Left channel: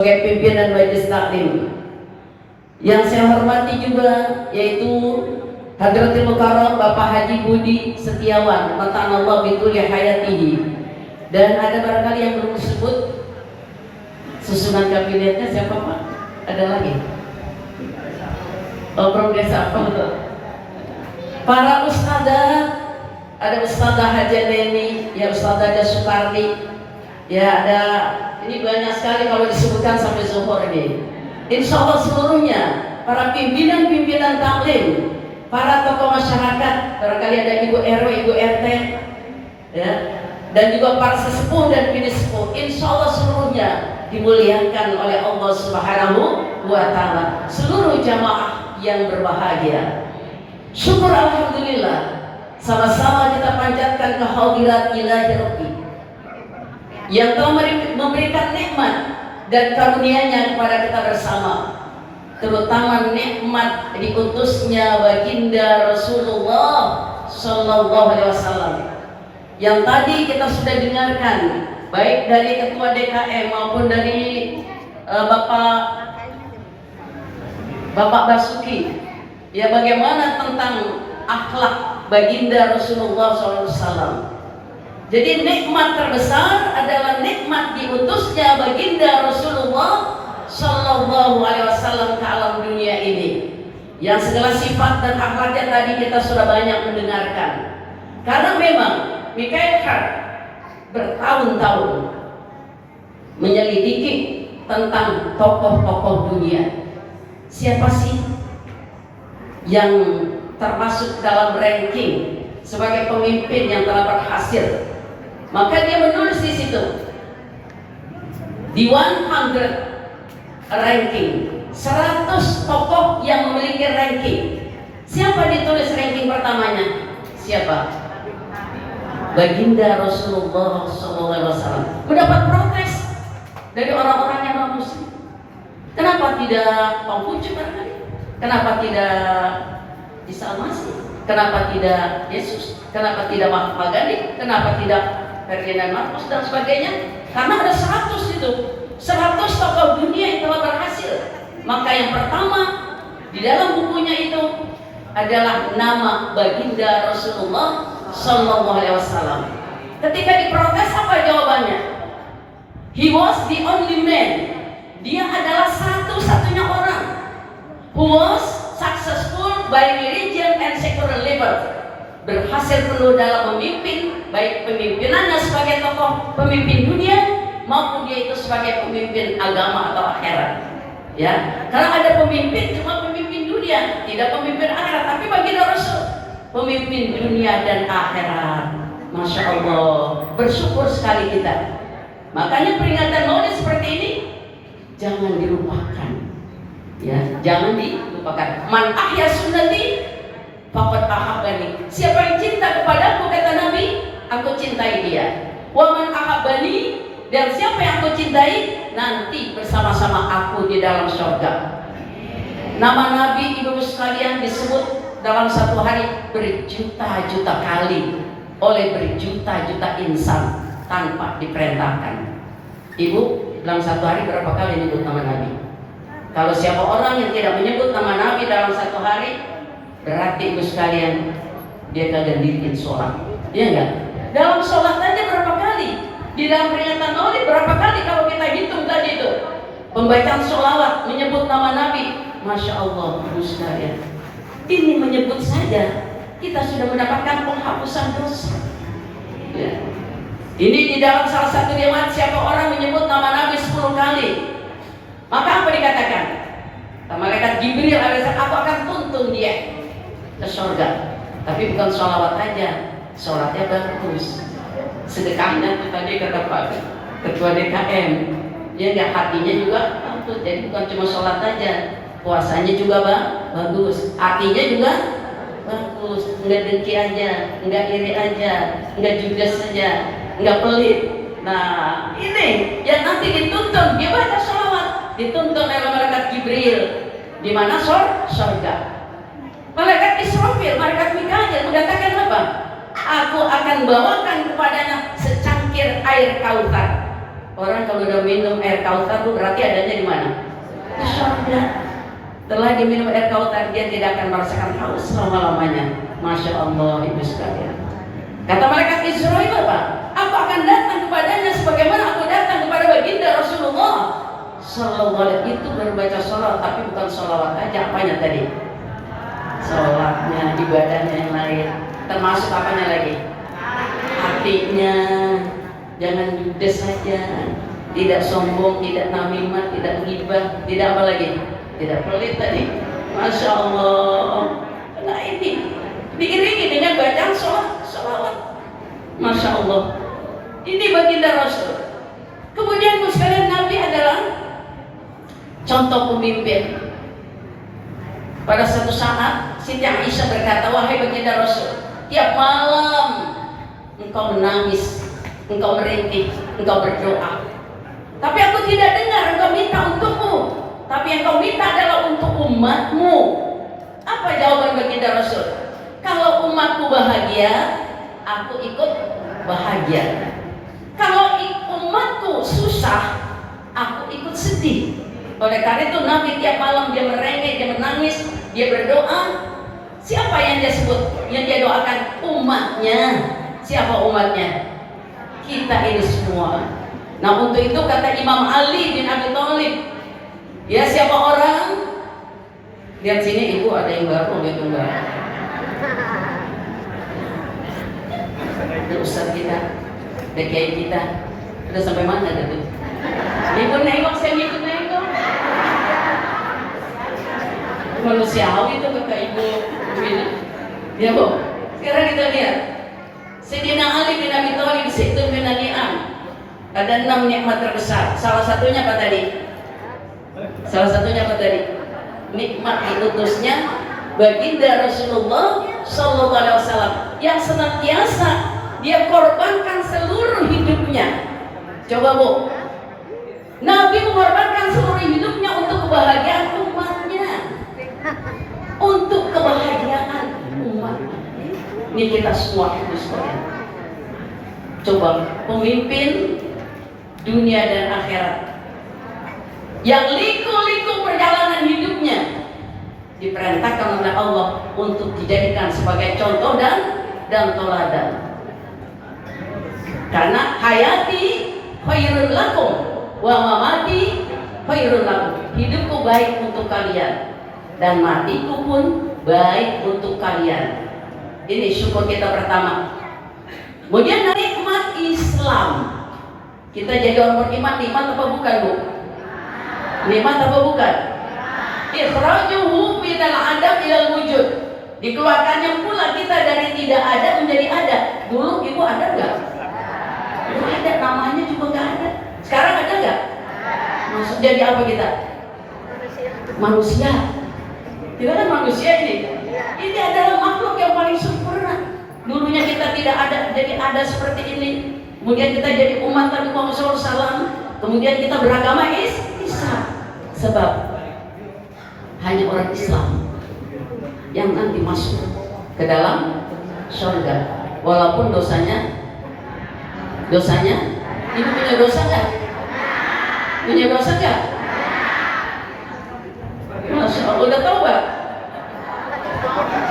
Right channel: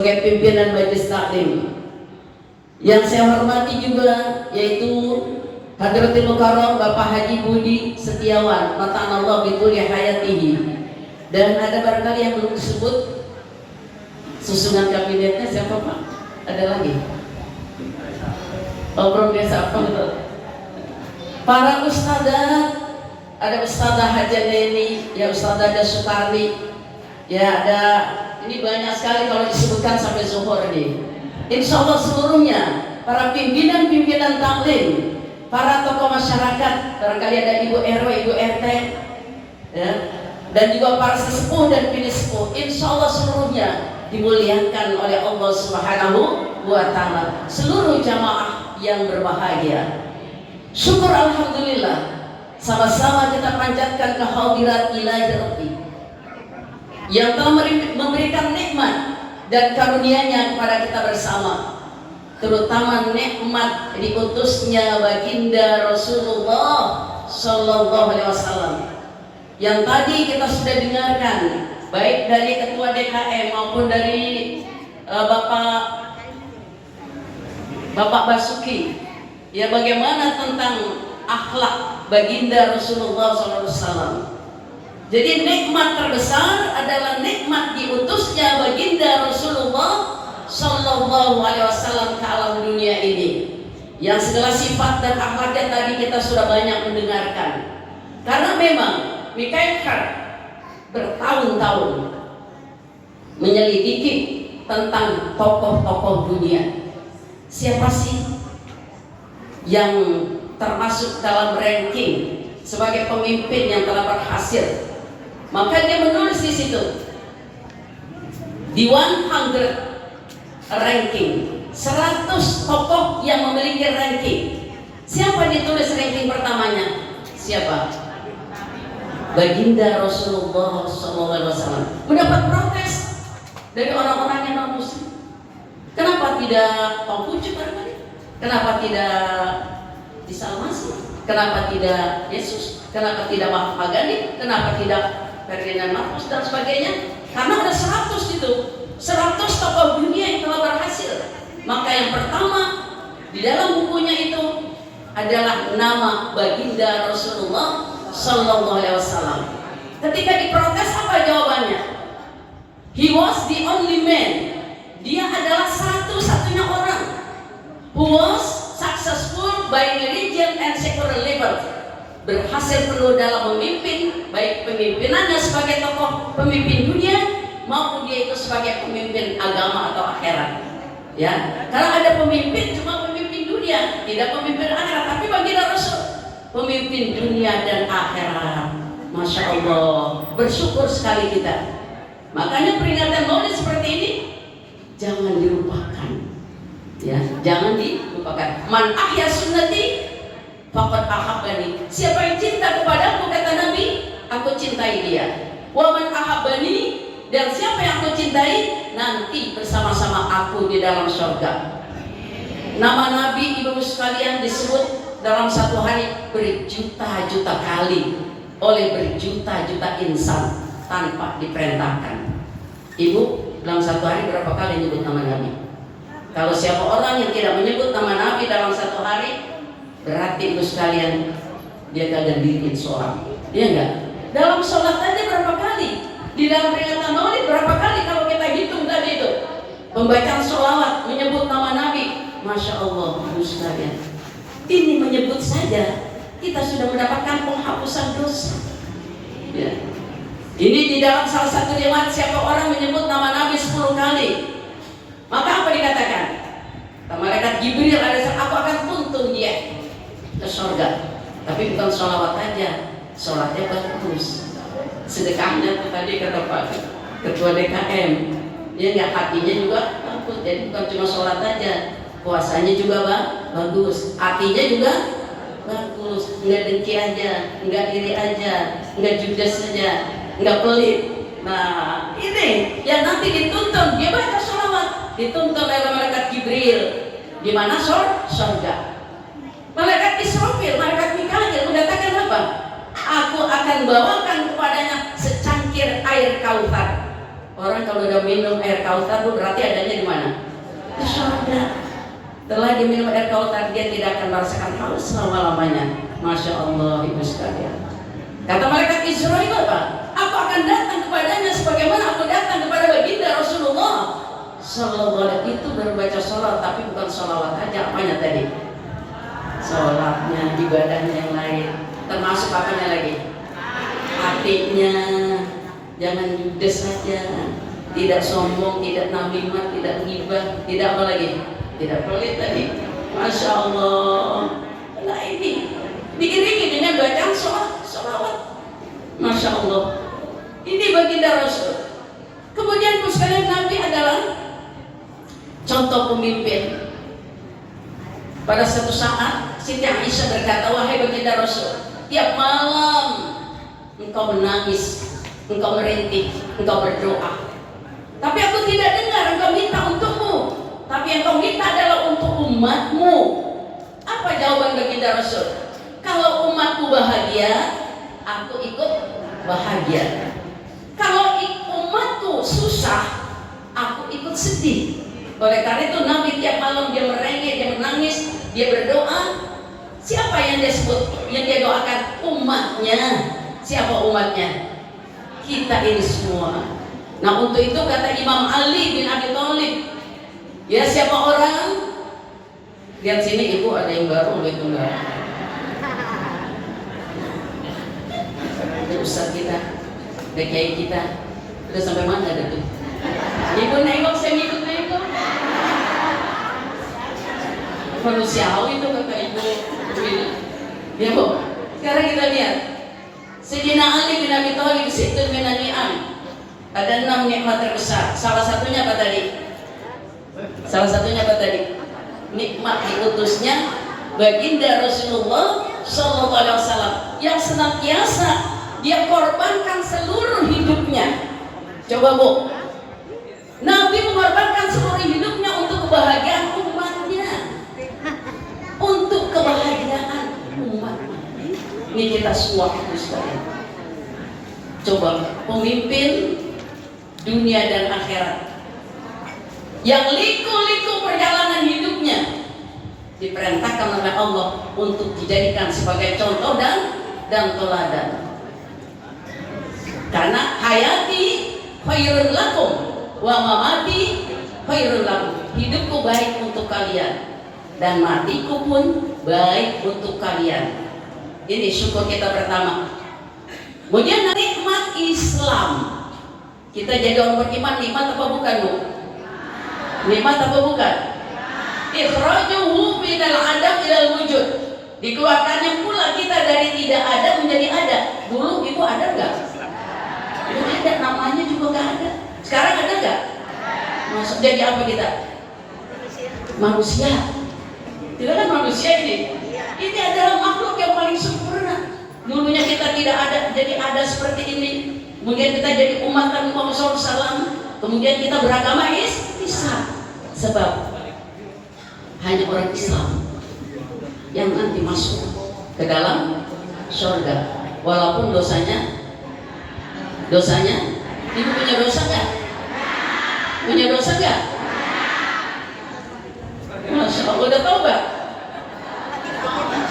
sebagai pimpinan Majelis Taklim. Yang saya hormati juga yaitu Hadratil Mukarram Bapak Haji Budi Setiawan, matanallah bituli hayatihi. Dan ada barangkali yang belum disebut susunan kabinetnya siapa Pak? Ada lagi? Oh, progres apa betul? Para ustadzah, ada Ustadzah Haja Neni, ya Ustadzah Haja Sukarni, ya ada, ini banyak sekali kalau disebutkan sampai zuhur ini. Insya Allah seluruhnya, para pimpinan-pimpinan taklim, para tokoh masyarakat, barangkali ada Ibu RW, Ibu RT, ya, dan juga para sesepuh dan kini sepuh, insya Allah seluruhnya dimuliakan oleh Allah Subhanahu wa Ta'ala. Seluruh jamaah yang berbahagia, syukur alhamdulillah, sama-sama kita panjatkan kehadirat ilahi Rabbi yang telah memberikan nikmat dan karunia-Nya kepada kita bersama, terutama nikmat diutusnya baginda Rasulullah Sallallahu Alaihi Wasallam yang tadi kita sudah dengarkan baik dari Ketua DKM maupun dari Bapak Basuki, ya, bagaimana tentang akhlak baginda Rasulullah SAW. Jadi nikmat terbesar adalah nikmat diutusnya baginda Rasulullah Sallallahu Alaihi Wasallam ke alam dunia ini, yang segala sifat dan akhlaknya tadi kita sudah banyak mendengarkan. Karena memang Michael Hart bertahun-tahun menyelidiki tentang tokoh-tokoh dunia. Siapa sih yang termasuk dalam ranking sebagai pemimpin yang telah berhasil? Maka dia menulis di situ di 100 ranking, 100 tokoh yang memiliki ranking. Siapa ditulis ranking pertamanya? Siapa? Baginda Rasulullah SAW. Mendapat protes dari orang-orang yang non muslim. Kenapa tidak Konghucu barangkali? Kenapa tidak Isa Al-Masih? Kenapa tidak Yesus? Kenapa tidak Mahatma Gandhi? Kenapa tidak Ferdinand Marcos dan sebagainya? Karena ada 100 itu, 100 tokoh dunia yang telah berhasil. Maka yang pertama di dalam bukunya itu adalah nama baginda Rasulullah Sallallahu Alaihi Wasallam. Ketika diprotes, apa jawabannya? He was the only man. Dia adalah satu-satunya orang who was successful by religion and secular level, berhasil penuh dalam memimpin, baik pemimpinannya sebagai tokoh pemimpin dunia maupun dia itu sebagai pemimpin agama atau akhirat. Ya, karena ada pemimpin cuma pemimpin dunia, tidak pemimpin akhirat. Tapi bagi Rasul, pemimpin dunia dan akhirat. Masya Allah, bersyukur sekali kita. Makanya peringatan Maulid seperti ini jangan dilupakan, ya, jangan dilupakan. Man ahya sunnati faqad ahabbani. Siapa yang cinta kepadaku, kata Nabi, aku cintai dia. Wa man ahabbani, dan siapa yang aku cintai, nanti bersama-sama aku di dalam surga. Nama Nabi, ibu sekalian, disebut dalam satu hari berjuta-juta kali oleh berjuta-juta insan tanpa diperintahkan. Ibu, dalam satu hari berapa kali menyebut nama Nabi? Kalau siapa orang yang tidak menyebut nama Nabi dalam satu hari, berarti ibu sekalian dia kagak diriin sholat. Dia enggak? Dalam sholat tadi berapa kali? Di dalam peringatan Maulid berapa kali kalau kita hitung tadi itu? Pembacaan sholawat menyebut nama Nabi. Masya Allah, ibu sekalian. Ini menyebut saja kita sudah mendapatkan penghapusan dosa. Ya. Ini di dalam salah satu riwayat, siapa orang menyebut nama Nabi 10 kali, maka apa dikatakan? Malaikat Jibril alaihissalam, aku akan tuntun dia ke surga. Tapi bukan sholawat aja, sholatnya bagus, sedekahnya tadi kata Pak Ketua DKM, dia nggak, hatinya juga bagus. Jadi bukan cuma sholat aja, puasanya juga bagus, hatinya juga bagus, nggak dengki aja, nggak iri aja, nggak judes saja, nggak pelit. Nah, ini yang nanti dituntun, dia baca sholawat, dituntun oleh malaikat Jibril. Di mana surga? Malaikat Israfil, malaikat Mikail mengatakan apa? Aku akan bawakan kepadanya secangkir air Kautsar. Orang kalau udah minum air Kautsar tuh berarti adanya di mana? Di surga. Setelah dia minum air Kautsar, dia tidak akan merasakan haus selama-lamanya. Masya Allah, ibu sekalian. Kata malaikat Israil apa? Aku akan datang kepadanya sebagaimana aku datang kepada baginda Rasulullah Sallallahu Alaihi. Itu berbaca sholat, tapi bukan sholawat aja. Apanya tadi? Sholatnya, ibadahnya yang lain. Termasuk apanya lagi? Hatinya. Jangan judes saja, tidak sombong, tidak namimah, tidak ghibah, tidak apa lagi? Tidak pelit tadi. Masya Allah. Nah ini diiringi dengan bacaan sholawat. Masya Allah. Ini baginda Rasul. Kemudian sekalian Nabi adalah contoh pemimpin. Pada satu saat Siti Aisyah berkata, wahai baginda Rasul, tiap malam engkau menangis, engkau merintih, engkau berdoa. Tapi aku tidak dengar engkau minta untukmu. Tapi yang kau minta adalah untuk umatmu. Apa jawaban baginda Rasul? Kalau umatku bahagia, aku ikut bahagia. Kalau umatku susah, aku ikut sedih. Oleh karena itu Nabi tiap malam dia merengek, dia menangis, dia berdoa. Siapa yang dia sebut, yang dia doakan? Umatnya. Siapa umatnya? Kita ini semua. Nah untuk itu kata Imam Ali bin Abi Thalib, ya siapa orang? Lihat sini ibu, ada yang baru, ada yang enggak. Itu Ustaz kita, DKI kita, udah sampai mana dah tuh? Ibu nengok, saya nengok. Manusiawi itu kata ibu. Ya bu, sekarang kita lihat. Sayyidina Ali bin Abi Thalib situ minan ni'am. Ada 6 nikmat terbesar. Salah satunya apa tadi? Nikmat diutusnya baginda Rasulullah Sallallahu Alaihi Wasallam yang senantiasa dia korbankan seluruh hidupnya. Coba bu, Nabi mengorbankan seluruh hidupnya untuk kebahagiaan umatnya, untuk kebahagiaan umatnya. Ini kita semua sekalian. Coba pemimpin dunia dan akhirat yang liku-liku perjalanan hidupnya diperintahkan oleh Allah untuk dijadikan sebagai contoh dan teladan. Karena hayati khairul lakum wa mamati khairul lakum. Hidupku baik untuk kalian dan matiku pun baik untuk kalian. Ini syukur kita pertama. Kemudian nikmat Islam. Kita jadi orang beriman, nikmat apa bukan bu? Nikmat apa bukan? Ikhrajuhu minal adam ilal wujud. Dikeluarkannya pula kita dari tidak ada menjadi ada. Dulu ibu ada nggak? Ibu ada, namanya juga nggak ada. Sekarang ada nggak? Masuk jadi apa kita? Manusia. Tidak ada manusia ini. Ini adalah makhluk yang paling sempurna. Dulunya kita tidak ada, jadi ada seperti ini. Kemudian kita jadi umat Nabi Muhammad SAW. Kemudian kita beragama Islam. Sebab hanya orang Islam yang nanti masuk ke dalam surga. Walaupun dosanya, ibu punya dosa nggak? Punya dosa nggak? Masya Allah, udah taubat?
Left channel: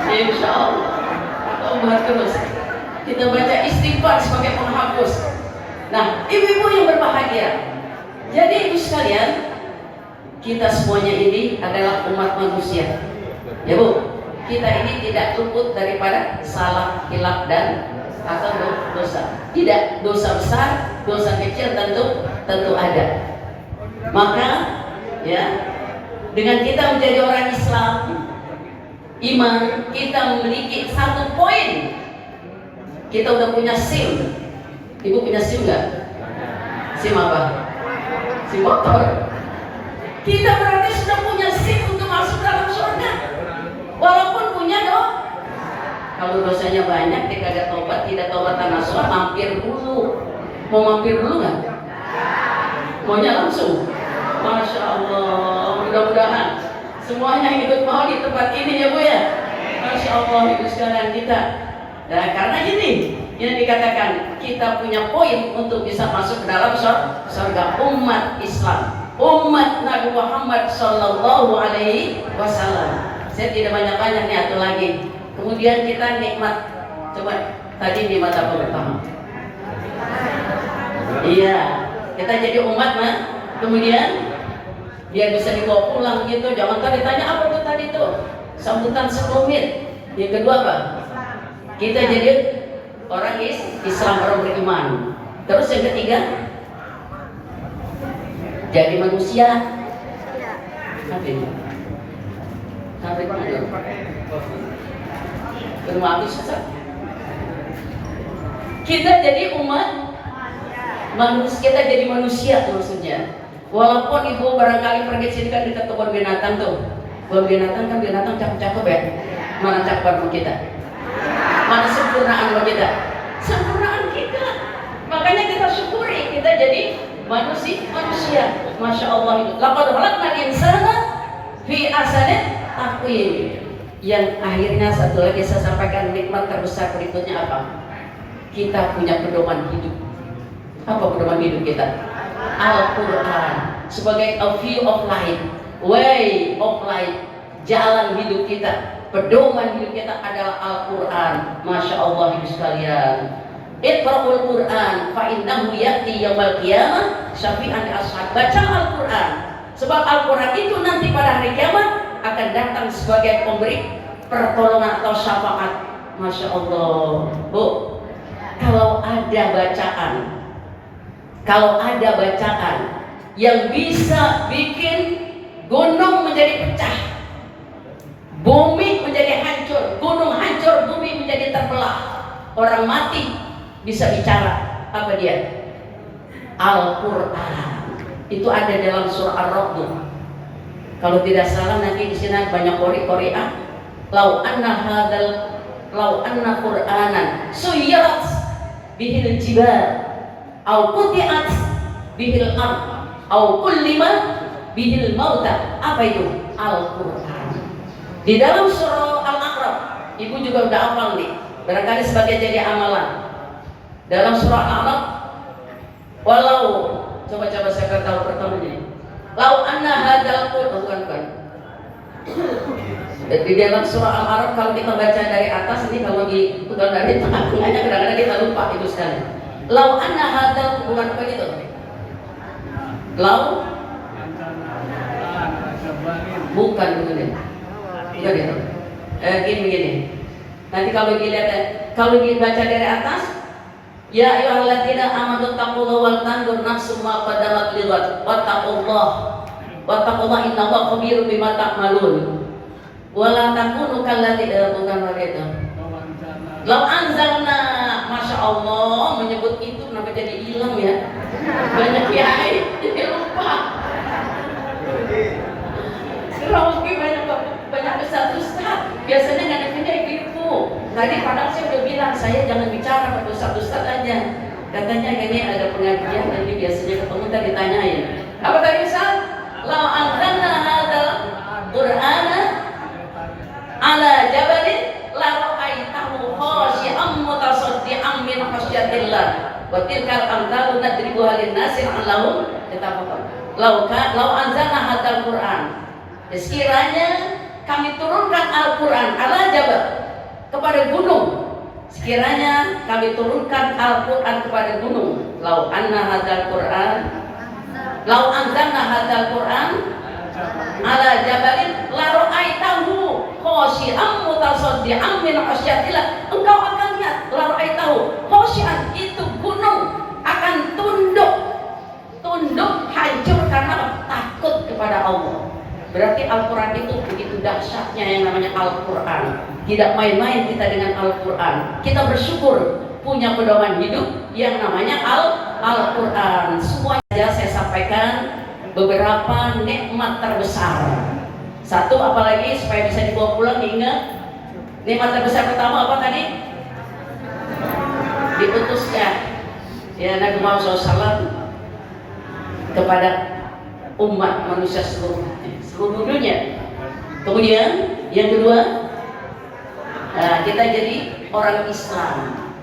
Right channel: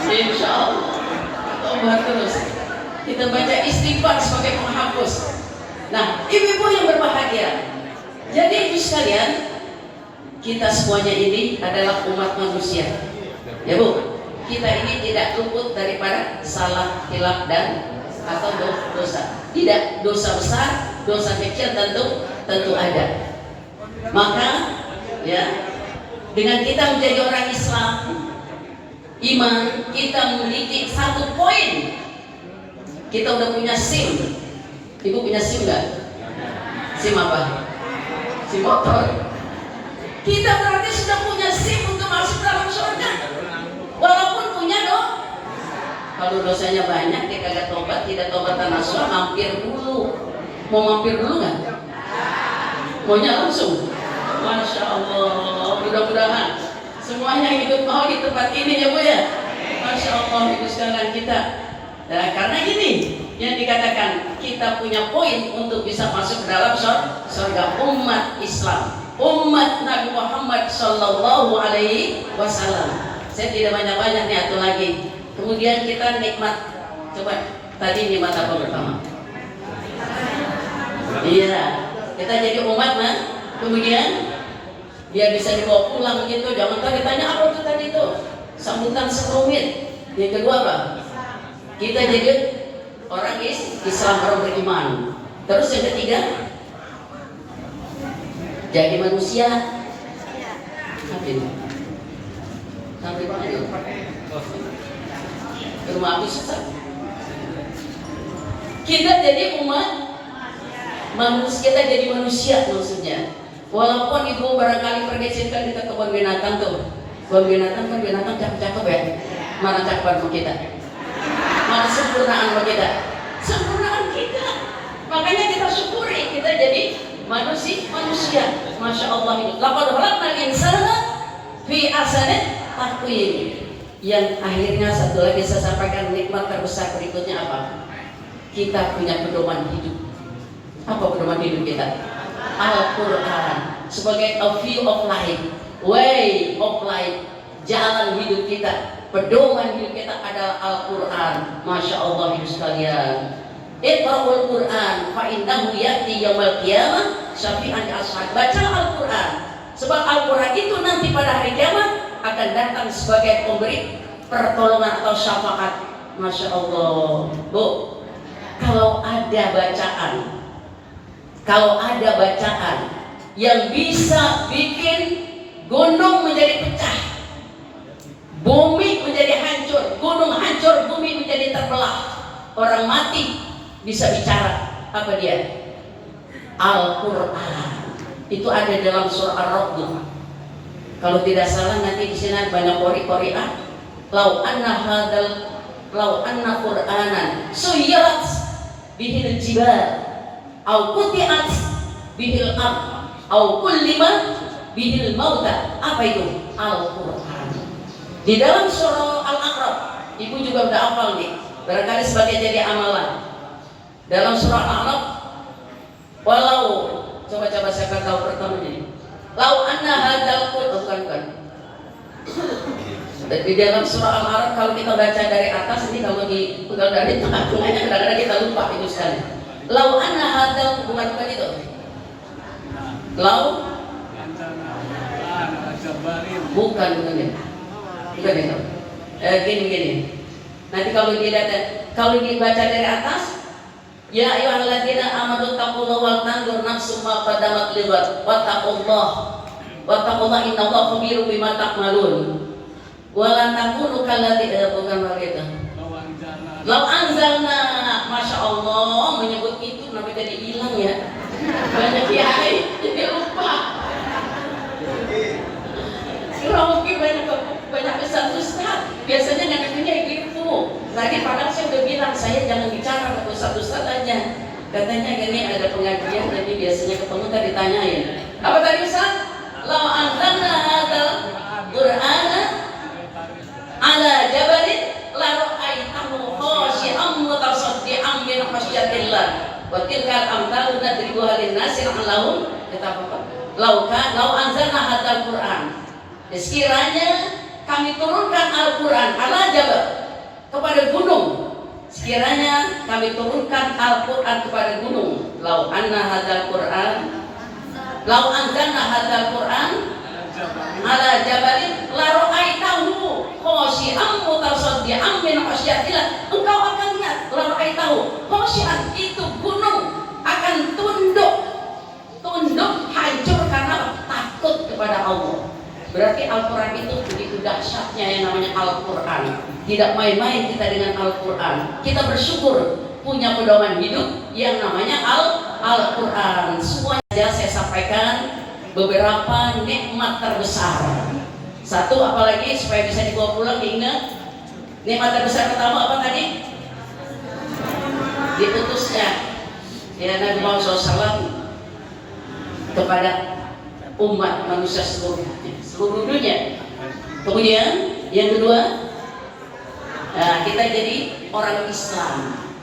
Insya Allah taubat terus. Kita baca istighfar sebagai penghapus. Nah, ibu-ibu yang berbahagia. Jadi ibu sekalian, kita semuanya ini adalah umat manusia. Ya bu, kita ini tidak luput daripada salah, hilaf dan atau dosa. Tidak, dosa besar, dosa kecil tentu ada. Maka ya, dengan kita menjadi orang Islam, iman, kita memiliki satu poin. Kita udah punya SIM. Ibu punya SIM nggak? SIM apa? SIM motor. Kita berarti sudah punya SIM untuk masuk dalam surga. Walaupun punya kalau dosanya banyak, dia kagak tobat, tidak tobatan nasuh, mampir dulu. Mau mampir dulu nggak? Maunya langsung. Masya Allah, mudah-mudahan semuanya ikut mau di tempat ini ya bu ya. Masya Allah, ibu sekalian kita. Nah, karena ini yang dikatakan kita punya poin untuk bisa masuk ke dalam surga. Umat Islam, umat Nabi Muhammad Sallallahu Alaihi Wasallam. Saya tidak banyak-banyak nih atau lagi. Kemudian kita nikmat. Coba tadi di mata pertama. Iya, kita jadi umat nah. Kemudian dia bisa dibawa pulang gitu. Jangan tadi ditanya apa tuh tadi tuh. Sambutan sekelumit. Yang kedua apa? Kita jadi orang Islam, orang beriman. Terus yang ketiga, jadi manusia. Sampai mana? Ke rumah aku susah. Kita jadi umat manusia, kita jadi manusia maksudnya. Walaupun ibu barangkali pergi sini kan kita ke kebun binatang tuh. Kebun binatang kan binatang cakep-cakep ya. Mana cakep kita? Mana sempurnaan kita? Sempurnaan kita. Makanya kita syukuri kita jadi manusia. Masya Allah itu. Laqad khalaqnal insana fi ahsani taqwim. Yang akhirnya satu lagi saya sampaikan nikmat terbesar berikutnya apa? Kita punya pedoman hidup. Apa pedoman hidup kita? Al-Quran sebagai a view of life, way of life, jalan hidup kita, pedoman hidup kita adalah Al-Quran. Masya Allah ibu sekalian. Iqra'ul Quran fa innahu ya'ti yaumil qiyamah syafi'an li ashab. Baca Al-Quran sebab Al-Quran itu nanti pada hari kiamat akan datang sebagai pemberi pertolongan atau syafaat. Masya Allah. Bu, kalau ada bacaan yang bisa bikin gunung menjadi pecah, bumi menjadi hancur, gunung hancur, bumi menjadi terbelah, orang mati bisa bicara, apa dia? Al-Quran. Itu ada dalam surah Ar-Ra'd. Kalau tidak salah nanti di sini banyak qori-qori'ah. Lau anna Qur'anan suyirat bihil jibal au quti'at bihil ard au kullima bihil mauta. Apa itu? Al-Quran. Di dalam surah Al-A'raf, ibu juga udah hafal nih, barangkali sebagai jadi amalan. Dalam surah Al-A'raf, walau coba saya tahu pertama ini, lau anna hadzal Quran. Di dalam surah Al-A'raf kalau kita baca dari atas ini, kalau dari tengah-tengahnya kadang-kadang kita lupa itu sekali. Lau anna hadzal bukan itu. Lau bukan itu. Gini. Nanti kalau dibaca dari atas, ya ayyuhalladzina amanu taqullaha wal tanzur nafsum ma qaddamat lighad wattaqullaha innallaha khabirun bima ta'malun. Walan takunu kalladzina bukan begitu. Law anzalna, masya Allah menyebut itu kenapa jadi hilang ya? Banyak kiai jadi lupa. Rauki banyak besar ustaz. Biasanya ngadepinnya gitu. Tadi padahal saya udah bilang saya jangan bicara ke ustaz aja. Katanya ini ada pengajian nanti biasanya ketemu tadi ditanyain. Apa tadi ustaz? Law anzalna hadzal Qur'ana ala jabalin la ra'aitahu khashi'an mutasaddian min khasyatillah wa tilkal amthalu nadribuha lin-nasi la'allahum yatafakkarun. Lau anzalna hadzal Qur'an, sekiranya kami turunkan Al-Quran ala jabal, kepada gunung, sekiranya kami turunkan Al-Quran kepada gunung. Lau anzalna hadzal Qur'an ala jabalin la ra'aitahu khashi'an mutasaddian min khasyatillah. Engkau akan lihat la ra'aitahu khashi'an, itu gunung akan tunduk hancur karena takut kepada Allah. Berarti Al-Quran itu begitu dahsyatnya yang namanya Al-Quran. Tidak main-main kita dengan Al-Quran. Kita bersyukur punya pedoman hidup yang namanya Al-Quran. Semuanya saya sampaikan beberapa nikmat terbesar. Satu, apalagi supaya bisa dibawa pulang diingat. Nikmat terbesar pertama apa tadi? Diutusnya ya Nabi Muhammad SAW kepada umat manusia seluruh dunia. Kemudian yang kedua, kita jadi orang Islam.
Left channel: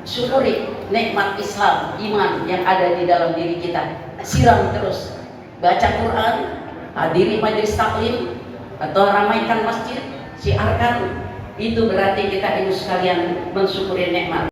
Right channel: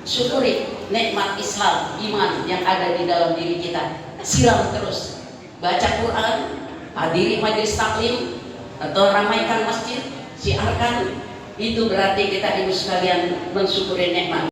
syukuri nikmat Islam, iman yang ada di dalam diri kita. Siram terus, baca Quran, hadiri majelis taklim atau ramaikan masjid, siarkan. Itu berarti kita harus sekalian mensyukuri nikmat.